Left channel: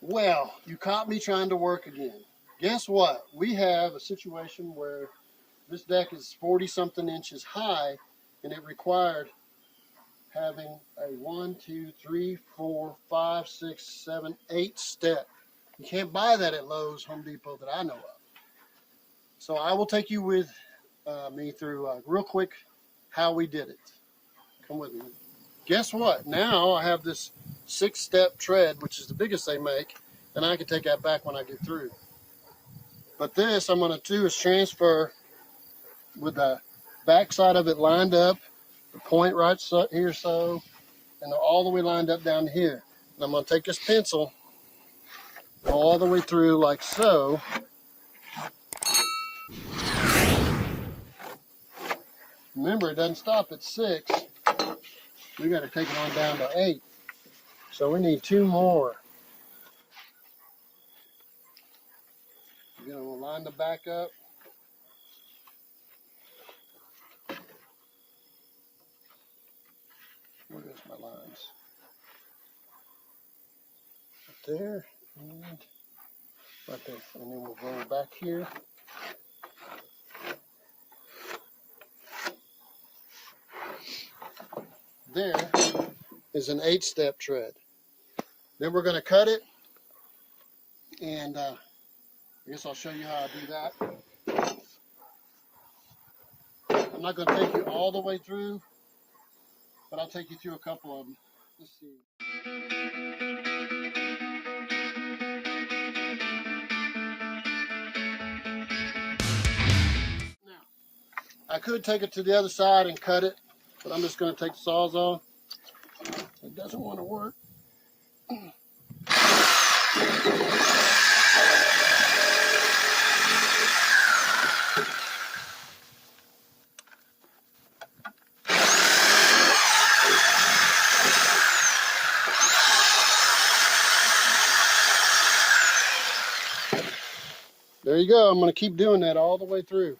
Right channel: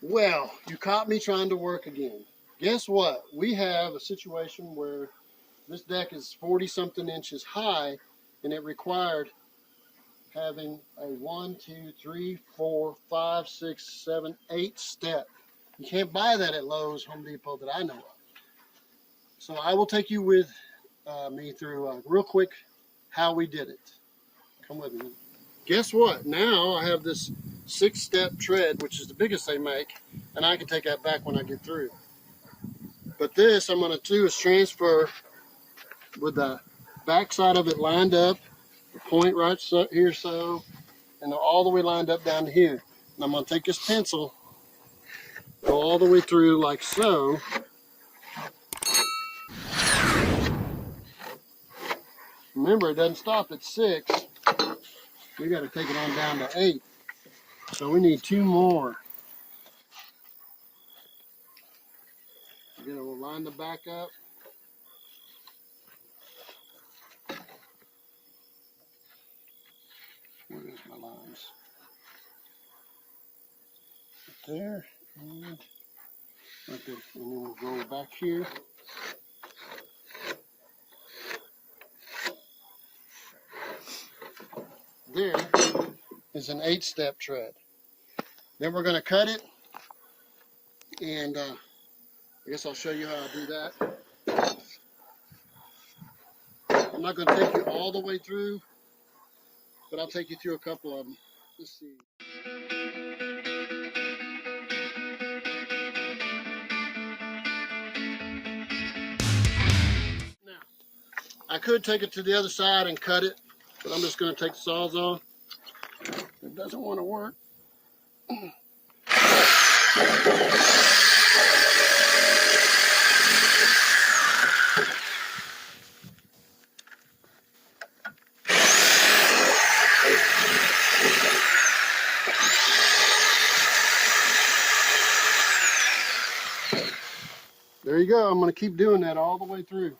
Well, you caught me trying to work again. Guess what? We have a situation where this deck is 40-something inches high, and it required having a 1, 2, 3, 4, 5, 6, 7, 8 step. You can't buy that at Lowe's, Home Depot that I know of. So I will take you with me through real quick how we did it. Come with me. Guess what? Now I have this 6-step tread, which is the biggest they make, and I can take that back when I get through. But this I'm going to do is transfer with the back side of it lined up, the point right here so, and they're all the way lined up down to here. And I'm going to take this pencil, go all the way through like so. Remember, it doesn't stop at 6. We got to take it on down to 8. So we need 2 more. Again, we'll line the back up. Where goes my lines? Right there, and right there. And then we'll go back here. There is an 8-step tread. Then we're going to cut it, and I guess I'll show you how I do that. I'm not going to take you all the way through, but I'll take you through a couple of them. Let's see. Now, I could take it to the other side and cut it, but I'm just going to take the Sawzall. It doesn't want to work. There you go. I'm going to keep doing that all the way through.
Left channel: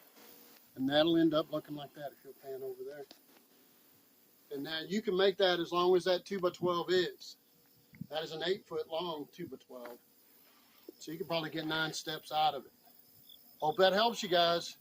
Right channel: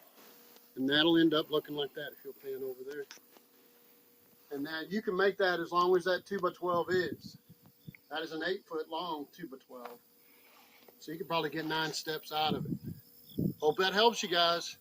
And that'll end up looking like that if you'll pan over there. And now you can make that as long as that 2x12 is. That is an 8-foot long 2x12. So you can probably get 9 steps out of it. Hope that helps you guys.